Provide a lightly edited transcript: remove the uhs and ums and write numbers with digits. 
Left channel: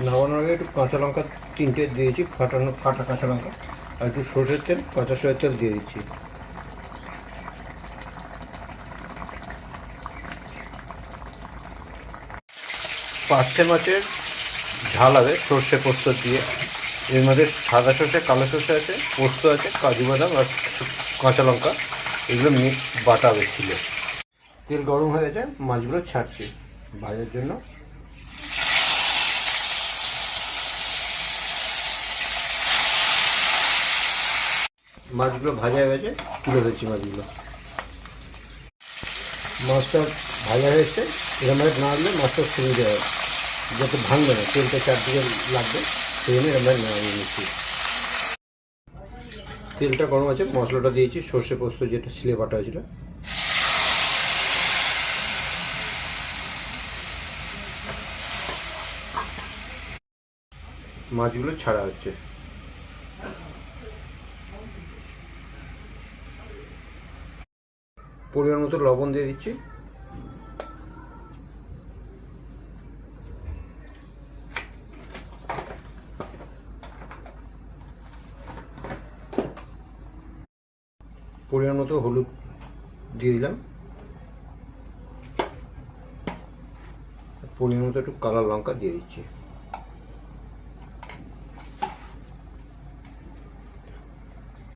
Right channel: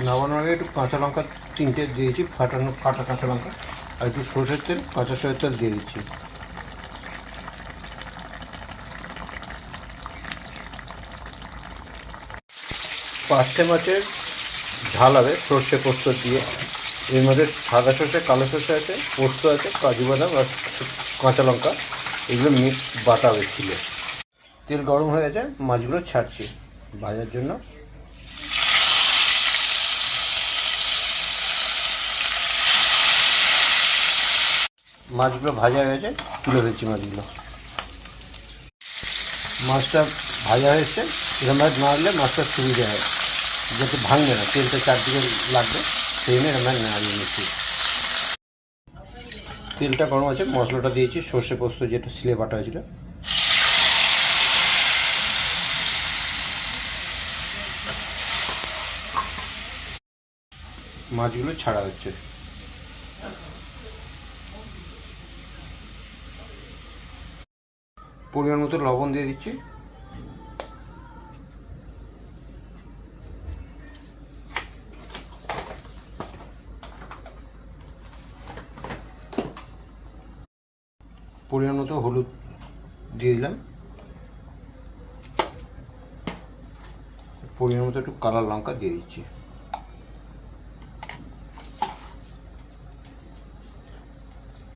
লবণ আগে একটু কাঁচা লঙ্কা 3টে দিয়েছি, ফাটা কাঁচা লঙ্কা, আর একটু সরষের তেল, কাঁচা সরষের তেল দিয়ে দিচ্ছি। পার্শে মাছের ঝাল হবে সর্ষে পোস্ত দিয়ে। এর মধ্যে সাদা সর্ষে, কালো সর্ষে আছে, পোস্ত আছে, কাজু বাদাম আর কাঁচা লঙ্কা, এগুলো বাটা হবে শিলে। তেল গরম হয়ে যায়, মাছগুলো ছাড়ছি ভাজার জন্য। মাছগুলো ভাজা হয়ে গেছে, তুলে দিচ্ছি মাছগুলো। মাছটা ভাজা হয়েছে, এরমভাবে নাড়লে মাছটা ছড়িয়ে যাবে, যাতে ভাঙবে না, তেলটা চারদিকে লাগবে, সেই জন্য এরমভাবে নাড়িয়ে নিচ্ছি। তেলটা গরম আছে, মশলাটা দিয়েছি, সর্ষে পোস্ত যেটা শিলে বাটা হয়েছিল। মাছগুলো ছাড়া হচ্ছে। পরিমাণ মতো লবণ দিয়ে দিচ্ছি। পরিমাণ মতো হলুদ দিয়ে দিলাম। পরিমাণ মতো একটু কালো লঙ্কা দিয়ে দিচ্ছি।